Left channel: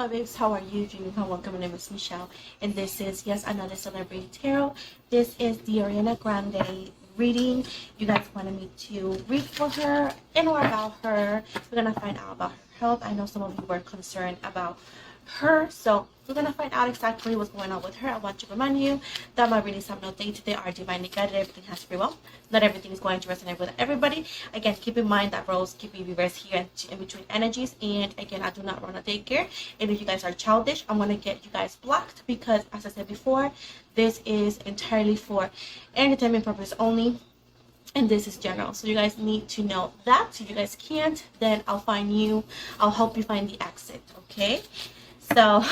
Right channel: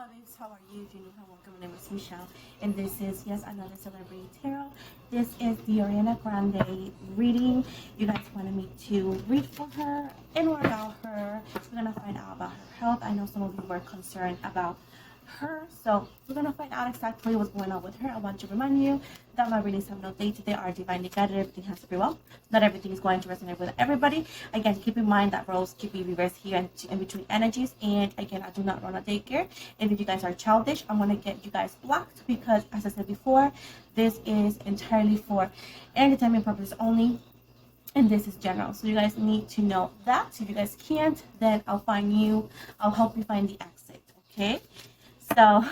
my babes, how are you doing? Welcome, my name is Michelle, and this is, yes, another celebrity tarot. This is the Ariana Grande reading. You guys wanted me to read for her and more about her. We're gonna find out about her health. I know some of you were concerned about her, so we're gonna find out exactly what's going on with her. I want to remind you that my readings have no date today, are divinely guided. Everything has to be well. Not everything is going to resonate with everybody. Again, keep in mind that roles keep be reversed here and in between energies. And again, I do not run a daycare. And if you guys are childish, I'm gonna get you guys blocked because, as I said before, this is entirely for entertainment purpose only. And this is general, so you guys need to know that. If you guys can't, then I'll help you find the exit, okay? So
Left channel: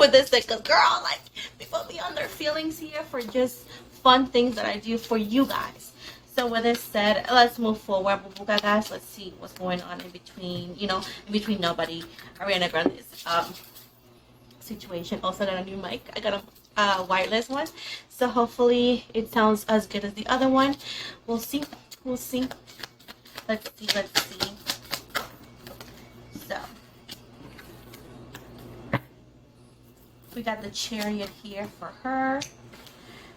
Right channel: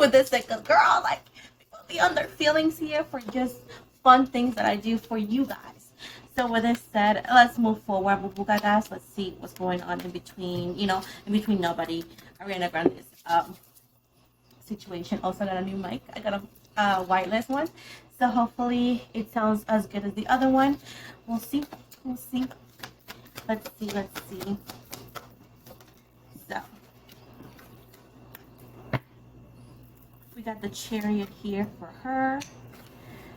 with this, because girl, like, people be on their feelings here for just fun things that I do for you guys. So with this said, let's move forward, Bubuga guys. Let's see what's going on in between, in between nobody, Ariana Grande's situation. Also got a new mic. I got a wireless one, so hopefully it sounds as good as the other one. We'll see. Let's see. So we got the Chariot here for her.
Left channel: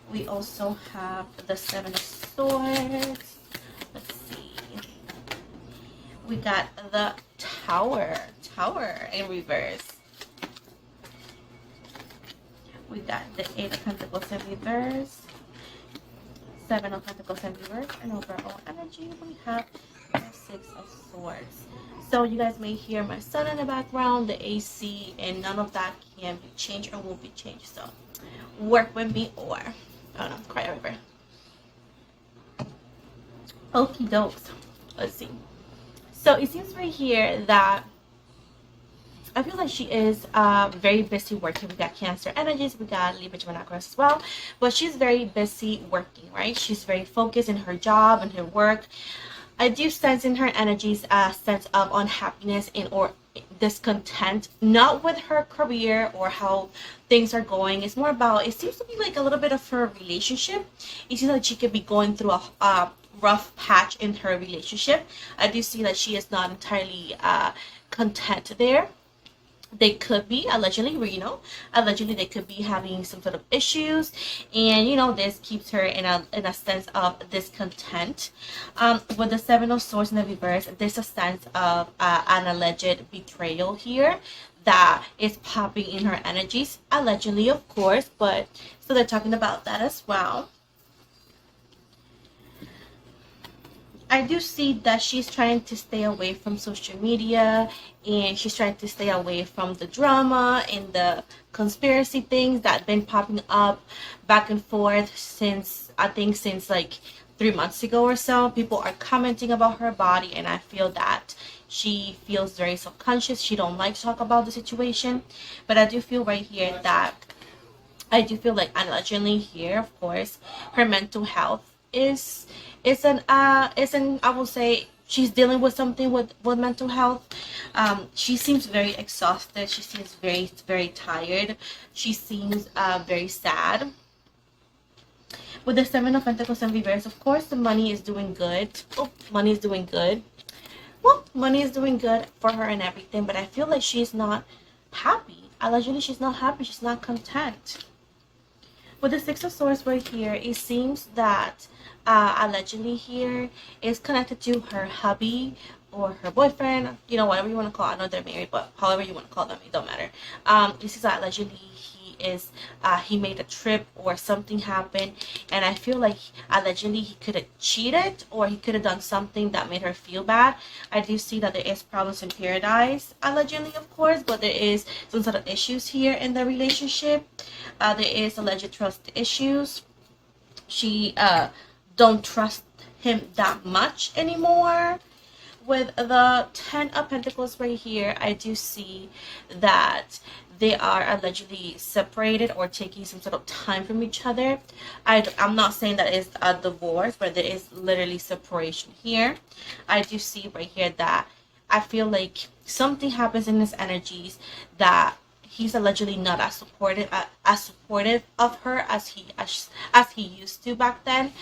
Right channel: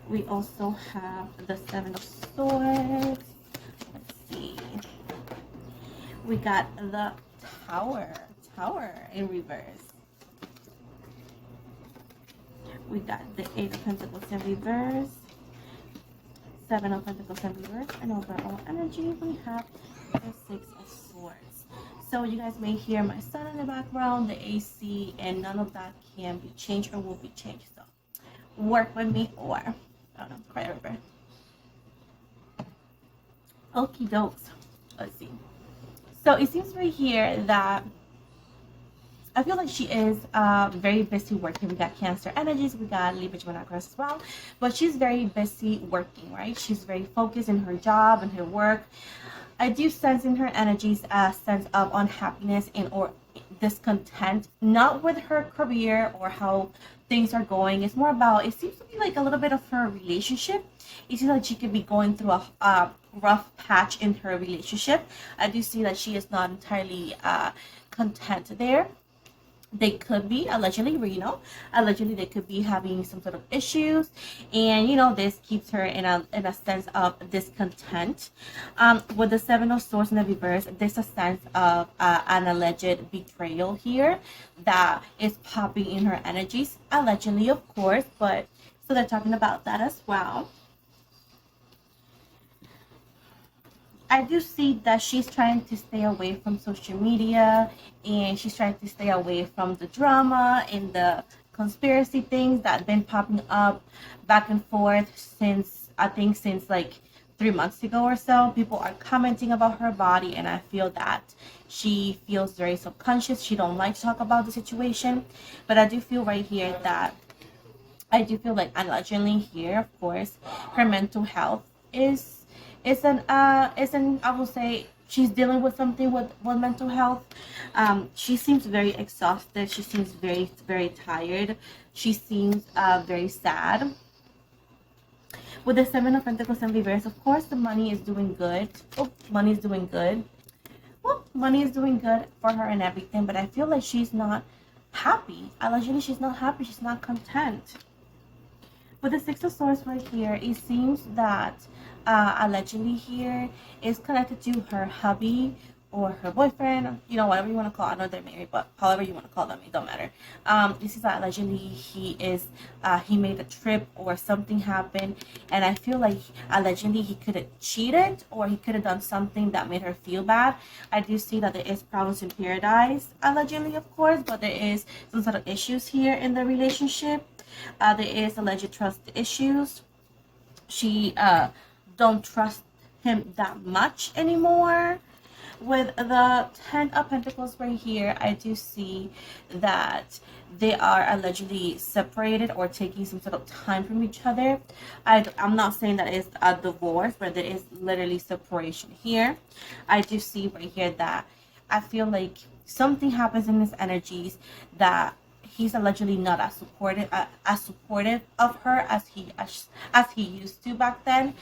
We also have the Seven of Swords. Let's see. We got the Tower in reverse. We got the Eight of Pentacles in reverse, Seven of Pentacles in reverse, and overall energy, we have the Six of Swords. So you guys may hear my son in the background, the AC, and none of that can be changed or will be changed. So work with me, or I don't know, cry a river. Okie dokes. Let's see. So it seems right here that I feel like she is very busy working. We got Cancer energies, we got Libra, Gemini, Aquarius as well, but she's very busy working, right? She's very focused in her job and her work. I do sense in her energies a sense of unhappiness or discontent, not with her career or how things are going. It's more about, it seems to be like a little bit of her relationship. It seems like she could be going through a rough patch in her relationship. I do see that she is not entirely content there. They could be allegedly they could be having some sort of issues, and this keeps her in a sense of discontent. With the Seven of Swords in the reverse, there's a sense of an alleged betrayal here that is popping in her energies, allegedly, of course, but so they're talking about that as well. I do see that she's trying to stay away from social media, and she's trying to stay away from the drama and the conspiracy things that have been popping up back and forth since like 3 months ago or so. People are commenting about her body, and I feel that she feels very subconscious. She don't like to talk about the situation, but I do feel right here that I do feel like allegedly here, of course, her mental health is I will say she's dealing with something with mental health. She seems very exhausted. She seems very, very tired. She seems very sad. With the Seven of Pentacles in reverse, of course, the money is doing good. Money is doing good. Well, money is doing good for her and everything, but I feel like she's not happy. Allegedly, she's not happy. She's not content. With the Six of Swords right here, it seems that allegedly here is connected to her hubby or her boyfriend, whatever you want to call it. I know they're married, but however you want to call them, it don't matter. This is that allegedly he made a trip or something happened, and I feel like allegedly he could have cheated or he could have done something that made her feel bad. I do see that there is problems in paradise, allegedly, of course, but there is some sort of issues here in the relationship. There is alleged trust issues. She don't trust him that much anymore. With the Ten of Pentacles right here, I do see that they are allegedly separated or taking some sort of time from each other. I'm not saying that it's a divorce, but there is literally separation here. I do see right here that I feel like something happens in his energies that he's allegedly not as supportive of her as he used to back then.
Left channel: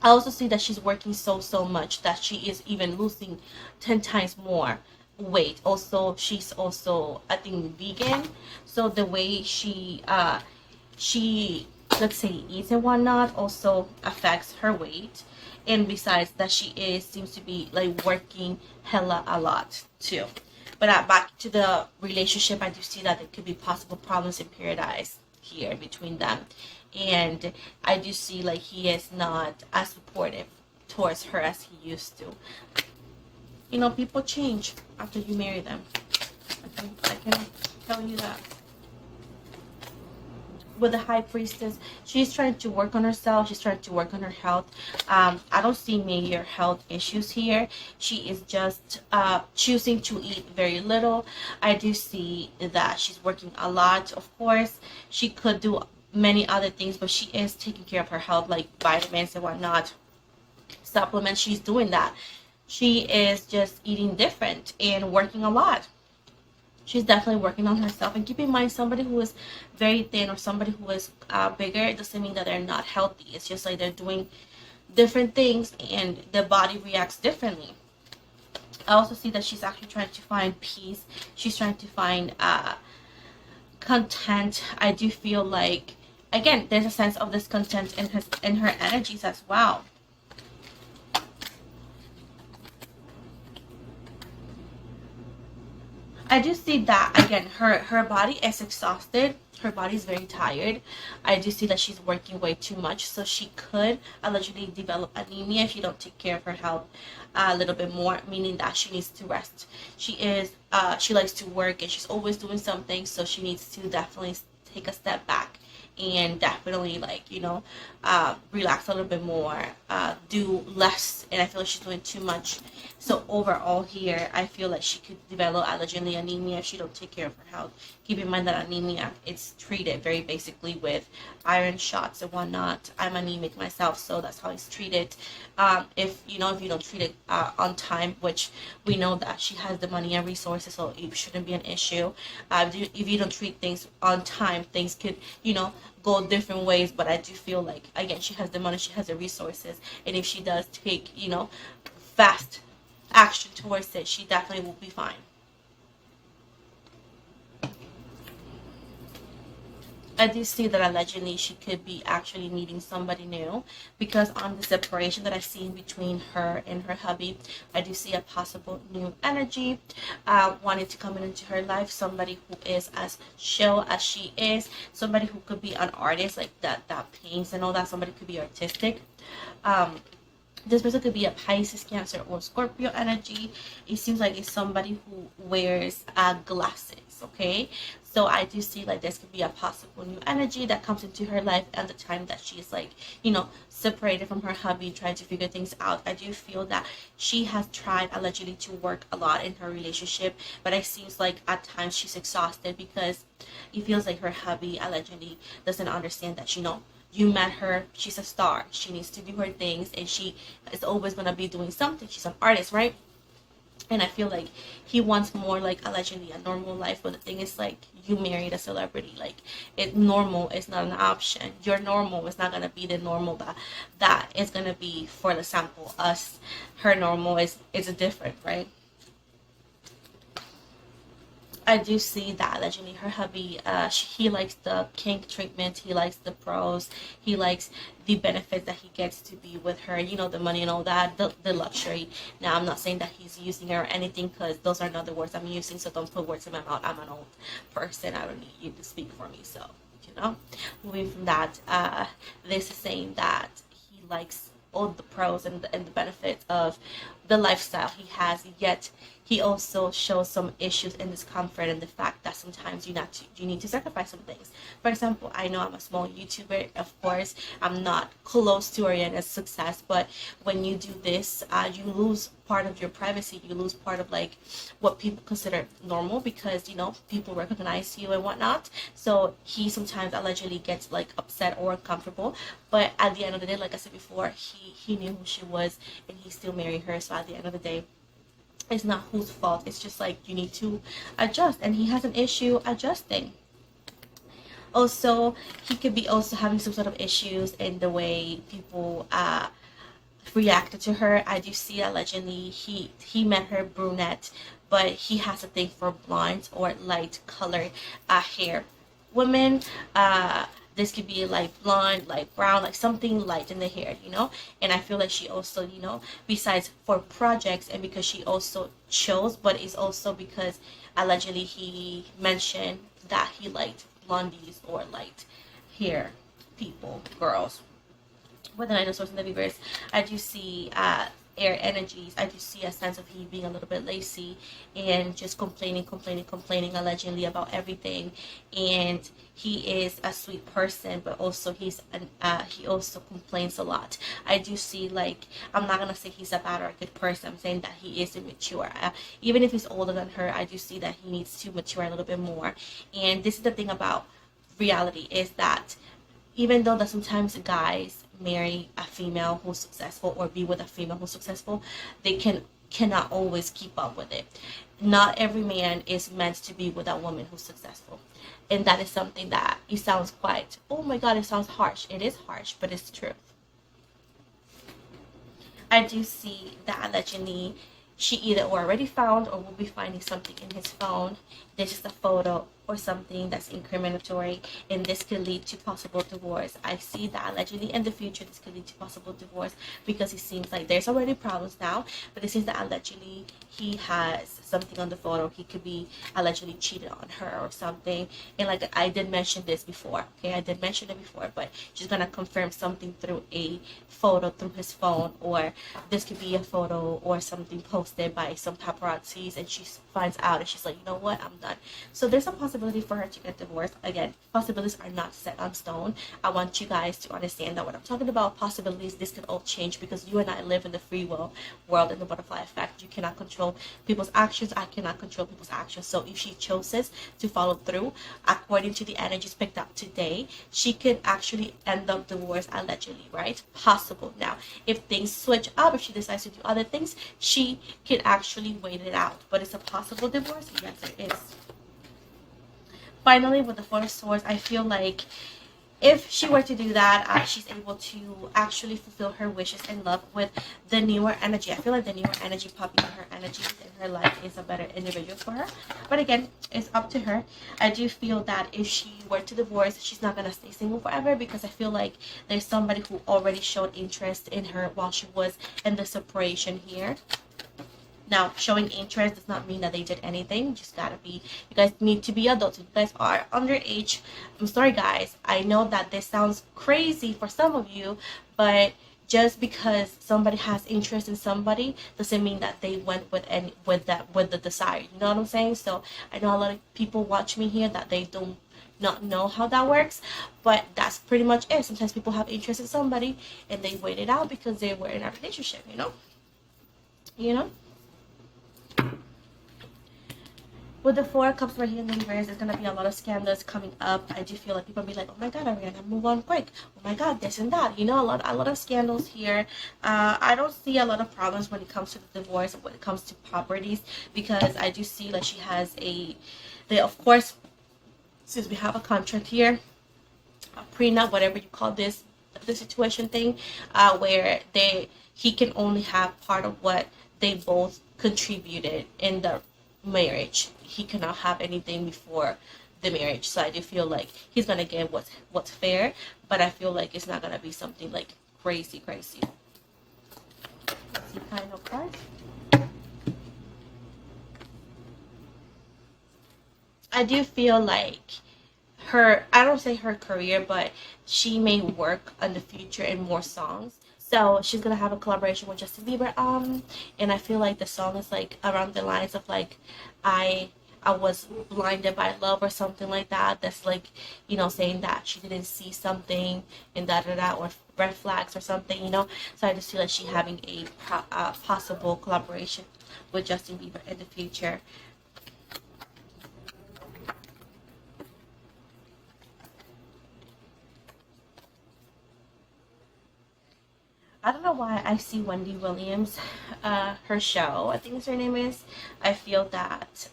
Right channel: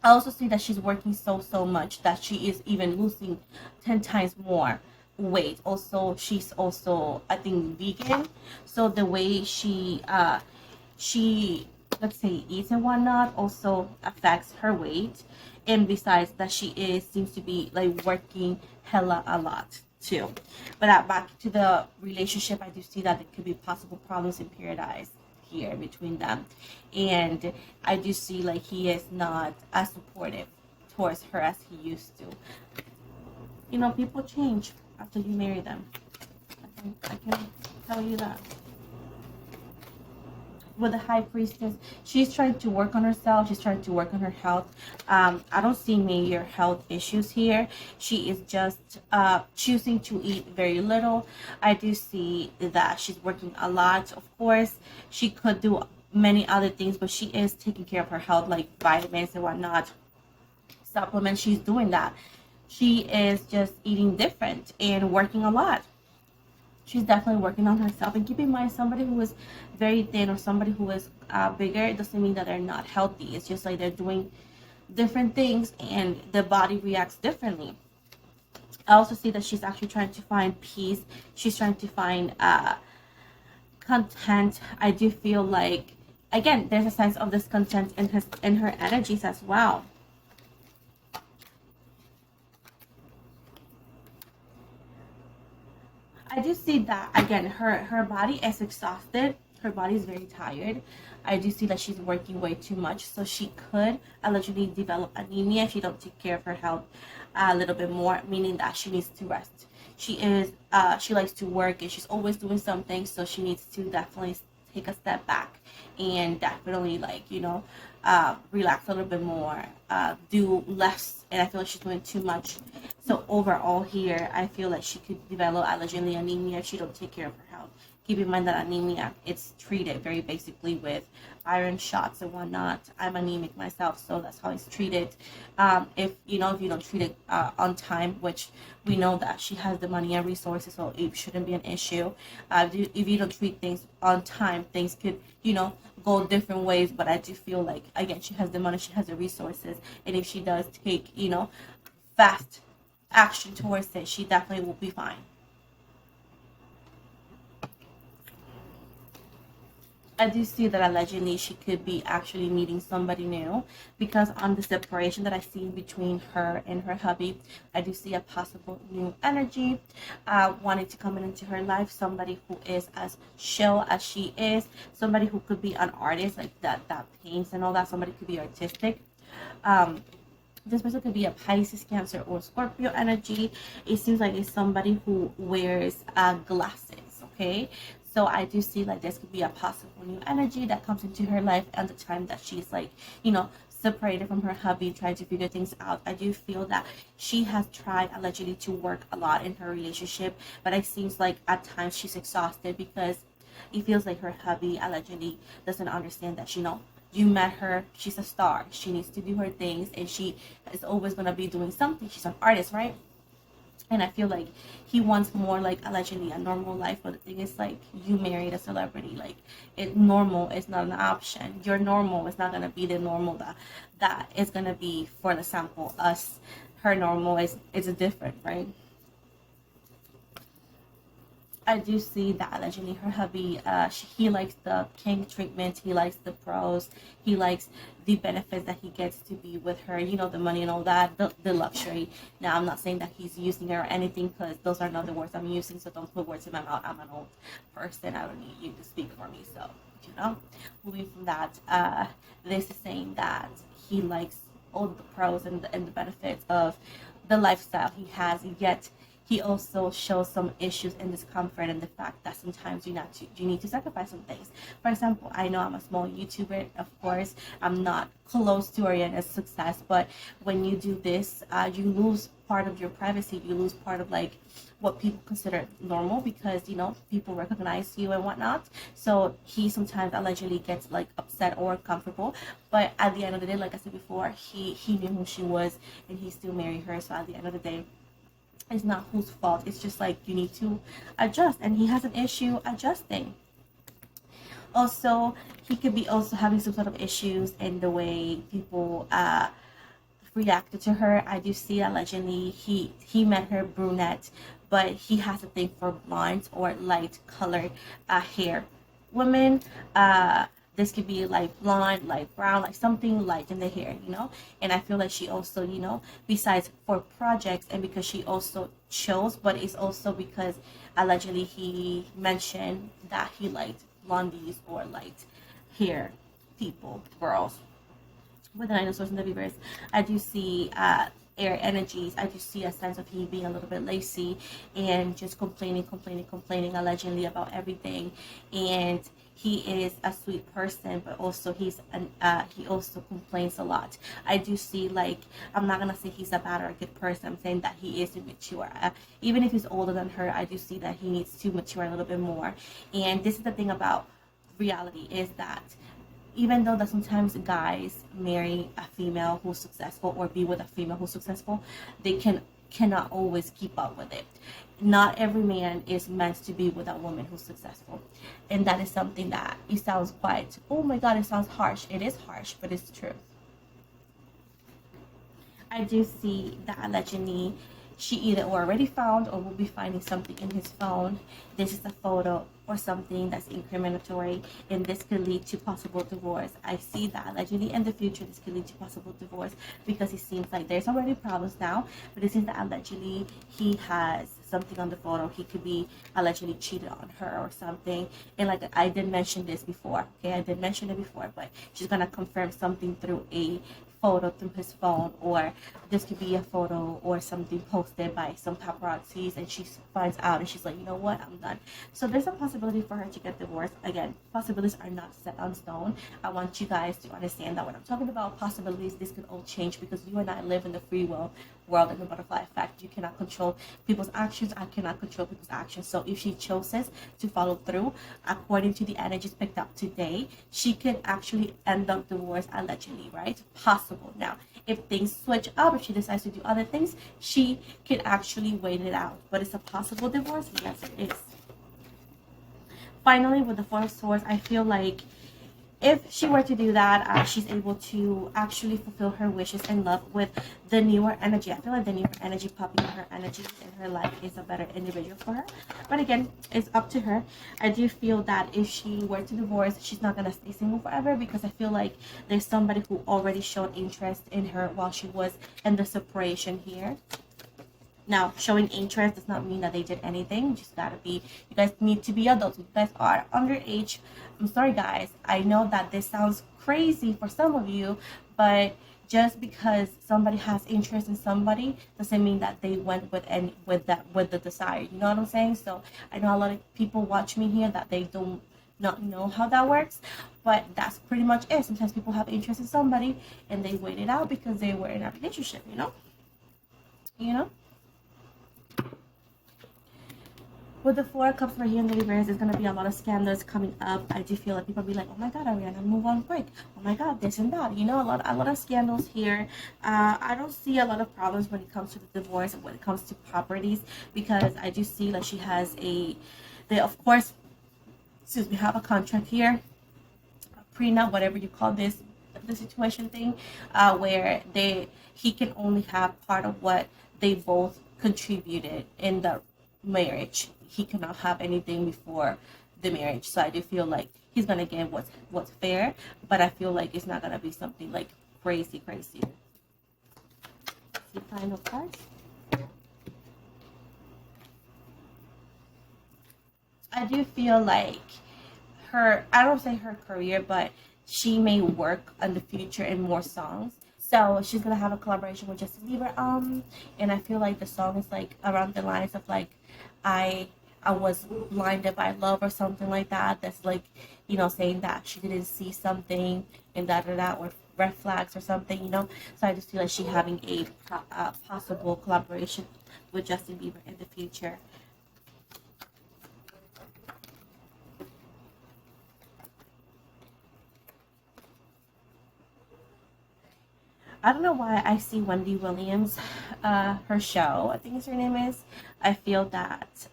I also see that she's working so much that she is even losing 10 times more weight. Also, she's also, I think, vegan. So the way she, let's say, eats and whatnot also affects her weight. And besides that, she is seems to be like working hella a lot too. But back to the relationship, I do see that there could be possible problems in paradise here between them. And I do see like he is not as supportive towards her as he used to. You know, people change after you marry them. I can tell you that. With the high priestess, she's trying to work on herself. She's trying to work on her health. I don't see major health issues here. She is just choosing to eat very little. I do see that she's working a lot. Of course, she could do many other things, but she is taking care of her health, like vitamins and whatnot, supplements. She's doing that. She is just eating different and working a lot. She's definitely working on herself. And keep in mind, somebody who is very thin or somebody who is bigger, it doesn't mean that they're not healthy. It's just like they're doing different things and the body reacts differently. I also see that she's actually trying to find peace. She's trying to find content. I do feel like, again, there's a sense of discontent in her energies as well. I do see that, again, her body is exhausted. Her body is very tired. I do see that she's working way too much, so she could allegedly develop anemia if she don't take care of her health a little bit more, meaning that she needs to rest. She likes to work and she's always doing something, so she needs to definitely take a step back and definitely, like, relax a little bit more, do less. And I feel like she's doing too much. So overall here, I feel like she could develop allegedly anemia if she don't take care of her health. Keep in mind that anemia, it's treated very basically with iron shots and whatnot. I'm anemic myself, so that's how it's treated. If you don't treat it on time, which we know that she has the money and resources, so it shouldn't be an issue. If you don't treat things on time, things could go different ways. But I do feel like, again, she has the money, she has the resources, and if she does take fast action towards it, she definitely will be fine. I do see that allegedly she could be actually meeting somebody new, because on the separation that I see between her and her hubby, I do see a possible new energy wanting to come into her life. Somebody who is as chill as she is, somebody who could be an artist, like that paints and all that. Somebody could be artistic. This person could be a Pisces, Cancer, or Scorpio energy. It seems like it's somebody who wears glasses, okay? So I do see like this could be a possible new energy that comes into her life at the time that she's like, separated from her hubby, trying to figure things out. I do feel that she has tried allegedly to work a lot in her relationship, but it seems like at times she's exhausted because it feels like her hubby allegedly doesn't understand that, you met her, she's a star, she needs to do her things, and she is always going to be doing something. She's an artist, right? And I feel like he wants more, like, allegedly a normal life. But the thing is, like, you married a celebrity. Like, normal is not an option. Your normal is not going to be the normal that is going to be, for example, us. Her normal is different, right? I do see that allegedly her hubby, he likes the kink treatment, he likes the pros, he likes the benefits that he gets to be with her, the money and all that, the luxury. Now, I'm not saying that he's using her or anything, because those are not the words I'm using, so don't put words in my mouth. I'm an old person. I don't need you to speak for me. So, moving from that, this is saying that he likes all the pros and the benefits of the lifestyle he has, yet he also shows some issues and discomfort in the fact that sometimes you need to sacrifice some things. For example, I know I'm a small YouTuber. Of course, I'm not close to Ariana's success, but when you do this, you lose part of your privacy. You lose part of like what people consider normal, because people recognize you and whatnot. So he sometimes allegedly gets like upset or uncomfortable, but at the end of the day, like I said before, he knew who she was and he still married her. So at the end of the day, it's not whose fault. It's just like you need to adjust, and he has an issue adjusting. Also, he could be also having some sort of issues in the way people reacted to her. I do see allegedly he met her brunette, but he has a thing for blonde or light colored hair women. This could be like blonde, like brown, like something light in the hair, you know. And I feel like she also, you know, besides for projects and because she also chose, but it's also because allegedly he mentioned that he liked blondies or light hair people, girls. With the Nine of Swords and the Reverse, I do see air energies. I do see a sense of he being a little bit lazy and just complaining allegedly about everything. And he is a sweet person, but also he also complains a lot. I do see, like, I'm not gonna say he's a bad or a good person. I'm saying that he is immature. Even if he's older than her, I do see that he needs to mature a little bit more. And this is the thing about reality, is that even though that sometimes guys marry a female who's successful or be with a female who's successful, they cannot always keep up with it. Not every man is meant to be with a woman who's successful. And that is something that it sounds quite, oh my god, it sounds harsh. It is harsh, but it's true. I do see that allegedly she either already found or will be finding something in his phone. This is a photo or something that's incriminatory, and this could lead to possible divorce. I see that allegedly in the future this could lead to possible divorce because it seems like there's already problems now, but it seems that allegedly he has something on the photo. He could be allegedly cheated on her or something. And like I did mention this before, okay, I did mention it before, but she's gonna confirm something through a photo through his phone, or this could be a photo or something posted by some paparazzis, and she finds out and she's like, you know what, I'm done. So there's a possibility for her to get divorced. Again, possibilities are not set on stone. I want you guys to understand that when I'm talking about possibilities, this could all change because you and I live in the free will world in the butterfly effect. You cannot control people's actions. I cannot control people's actions. So if she chooses to follow through according to the energies picked up today, she could actually end up divorced allegedly, right? Possible. Now, if things switch up, if she decides to do other things, she could actually wait it out. But it's a possible divorce? Yes, it is. Finally, with the Four of Swords, I feel like if she were to do that, she's able to actually fulfill her wishes in love with the newer energy. I feel like the newer energy popping in her energy in her life is a better individual for her. But again, it's up to her. I do feel that if she were to divorce, she's not going to stay single forever because I feel like there's somebody who already showed interest in her while she was in the separation here. Now, showing interest does not mean that they did anything. You just gotta be, you guys need to be adults. You guys are underage. I'm sorry, guys. I know that this sounds crazy for some of you, but just because somebody has interest in somebody doesn't mean that they went with the desire. You know what I'm saying? So I know a lot of people watch me here that they don't not know how that works, but that's pretty much it. Sometimes people have interest in somebody and they wait it out because they were in a relationship, you know. With the Four of Cups right here in the reverse, there's going to be a lot of scandals coming up. I do feel like people be like, oh my god, Ariana, move on quick. Oh my god, this and that. You know, a lot of scandals here. I don't see a lot of problems when it comes to the divorce, when it comes to properties, because I do see that she has they of course, since we have a contract here, a prenup, whatever you call this, the situation thing, where he can only have part of what they both contributed in the marriage. He cannot have anything before the marriage. So I do feel like he's gonna get what's fair, but I feel like it's not gonna be something like crazy. See kind of cards. I do feel like I don't say her career, but she may work in the future in more songs. So she's gonna have a collaboration with Justin Bieber. And I feel like the song is like around the lines of like I was blinded by love or something like that. That's like, you know, saying that she didn't see something and da or red flags or something, you know. So I just feel like she's having a possible collaboration with Justin Bieber in the future. I don't know why I see Wendy Williams, her show, I think is her name is. I feel that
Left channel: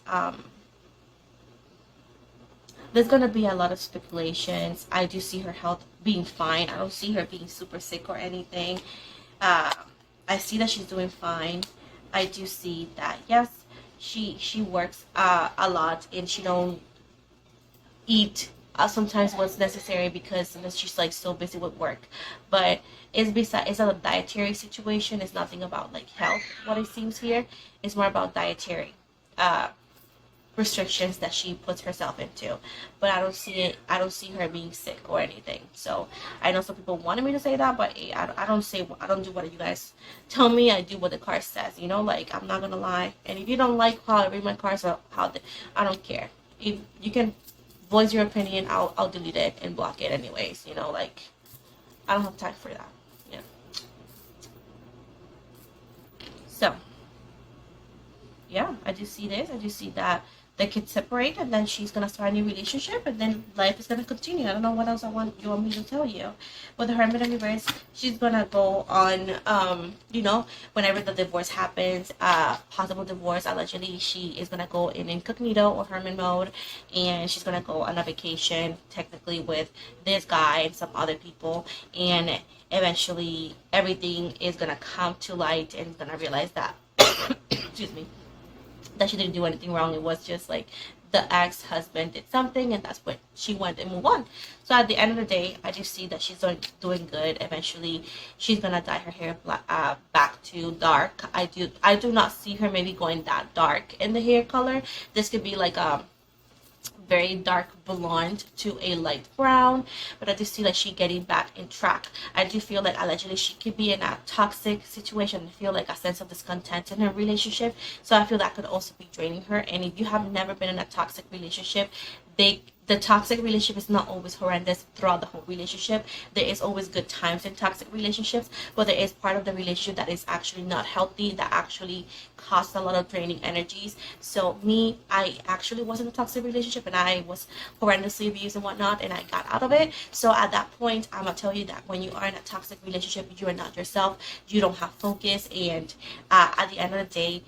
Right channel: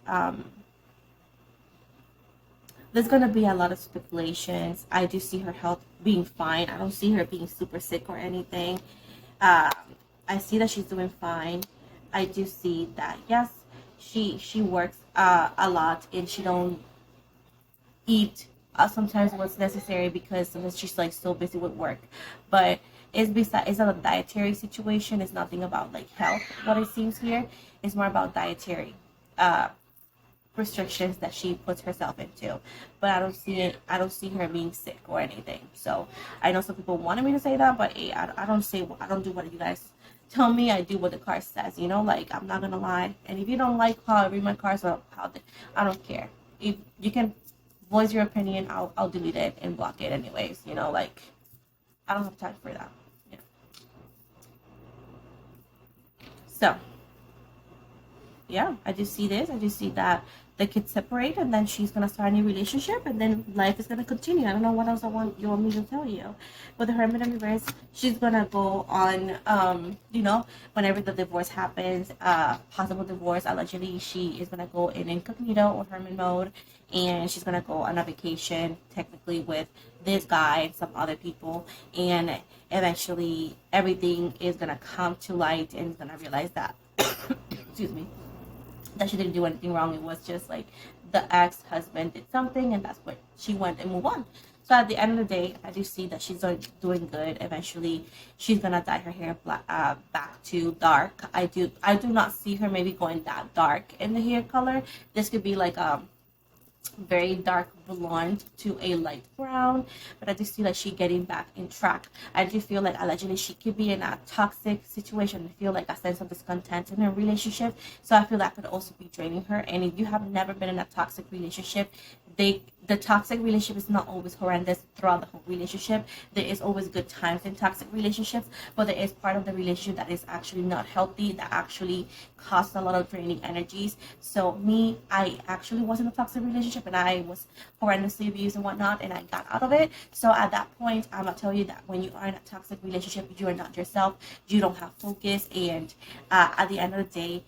there's going to be a lot of speculations. I do see her health being fine. I don't see her being super sick or anything. I see that she's doing fine. I do see that, yes, she works a lot, and she don't eat sometimes what's necessary because sometimes she's like so busy with work. But it's not a dietary situation. It's nothing about like health. What it seems here is more about dietary uh, restrictions that she puts herself into. But I don't see it. I don't see her being sick or anything. So I know some people wanted me to say that, but I don't say, I don't do what you guys tell me. I do what the card says. You know, like I'm not gonna lie. And if you don't like how I read my cards or I don't care. If you can voice your opinion, I'll delete it and block it anyways. You know, like I don't have time for that. Yeah. So yeah, I just see this. I just see that they could separate, and then she's gonna start a new relationship, and then life is gonna continue. I don't know what else you want me to tell you. With the Hermit in reverse, she's gonna go on. Whenever the divorce happens, possible divorce, allegedly, she is gonna go in incognito or hermit mode, and she's gonna go on a vacation, technically with this guy and some other people, and eventually everything is gonna come to light, and is gonna realize that. Excuse me, that she didn't do anything wrong. It was just like the ex-husband did something, and that's what she went and move on. So at the end of the day, I just see that she's doing good. Eventually, she's gonna dye her hair back to dark. I do not see her maybe going that dark in the hair color. This could be like very dark blonde to a light brown, but I just see like she getting back in track. I do feel like allegedly she could be in a toxic situation. I feel like a sense of discontent in her relationship, so I feel that could also be draining her. And if you have never been in a toxic relationship, the toxic relationship is not always horrendous throughout the whole relationship. There is always good times in toxic relationships, but there is part of the relationship that is actually not healthy, that actually costs a lot of draining energies. So I actually was in a toxic relationship, and I was horrendously abused and whatnot, and I got out of it. So at that point, I'm gonna tell you that when you are in a toxic relationship, you are not yourself, you don't have focus, and at the end of the day,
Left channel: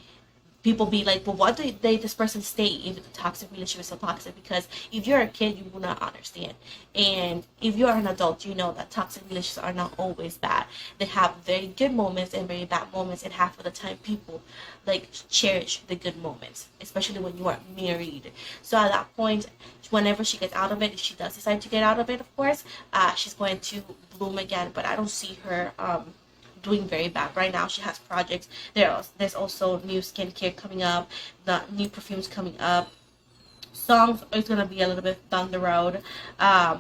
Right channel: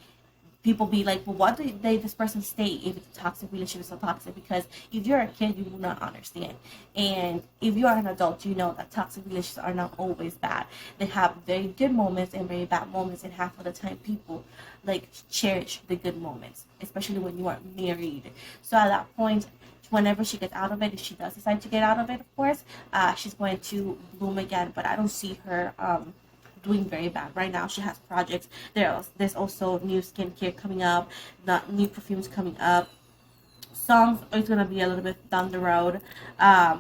people be like, well, why do this person stay if the toxic relationship is so toxic? Because if you're a kid, you will not understand. And if you are an adult, you know that toxic relationships are not always bad. They have very good moments and very bad moments, and half of the time people like cherish the good moments, especially when you are married. So at that point, whenever she gets out of it, if she does decide to get out of it, of course, she's going to bloom again. But I don't see her doing very bad right now. She has projects. There's also new skincare coming up, the new perfumes coming up. Songs is gonna be a little bit down the road. I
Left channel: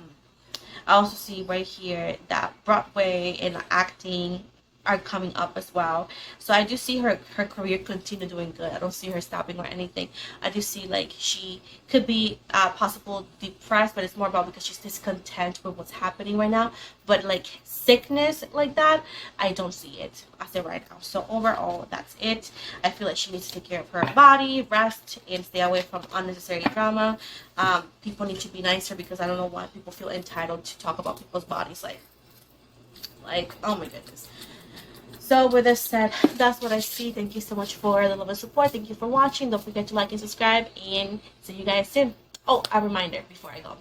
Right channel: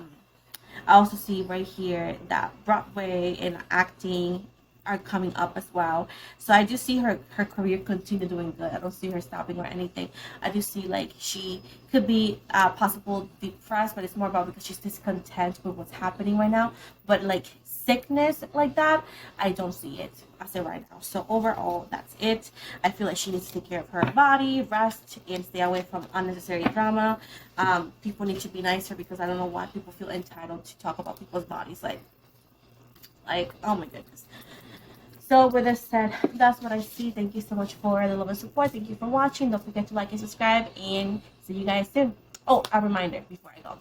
also see right here that Broadway and acting are coming up as well. So I do see her career continue doing good. I don't see her stopping or anything. I do see like she could be possible depressed, but it's more about because she's discontent with what's happening right now. But like sickness like that, I don't see it as of right now. So overall, that's it. I feel like she needs to take care of her body, rest, and stay away from unnecessary drama. People need to be nicer, because I don't know why people feel entitled to talk about people's bodies. Like oh my goodness. So with this said, that's what I see. Thank you so much for the love and support. Thank you for watching. Don't forget to like and subscribe, and see you guys soon. Oh, a reminder before I go.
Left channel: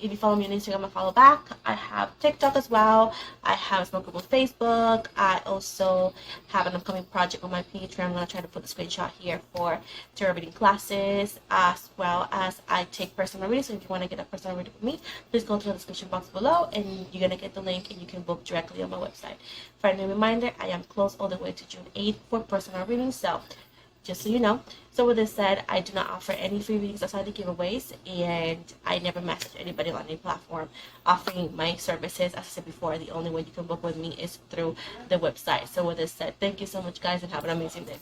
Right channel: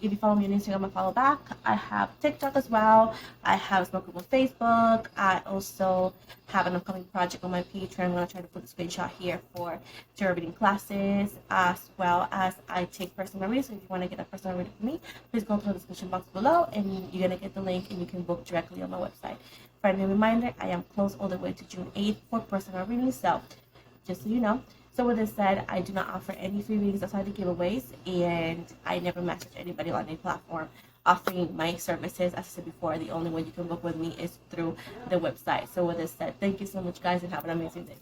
If you follow me on Instagram, I follow back. I have TikTok as well. I have a small group on Facebook. I also have an upcoming project on my Patreon. I'm going to try to put the screenshot here for tarot reading classes, as well as I take personal readings. So if you want to get a personal reading from me, please go to the description box below, and you're going to get the link, and you can book directly on my website. Friendly reminder, I am closed all the way to June 8th for personal readings, so just so you know. So with this said, I do not offer any free readings outside the giveaways, and I never message anybody on any platform offering my services. As I said before, the only way you can book with me is through the website. So with this said, thank you so much, guys, and have an amazing day.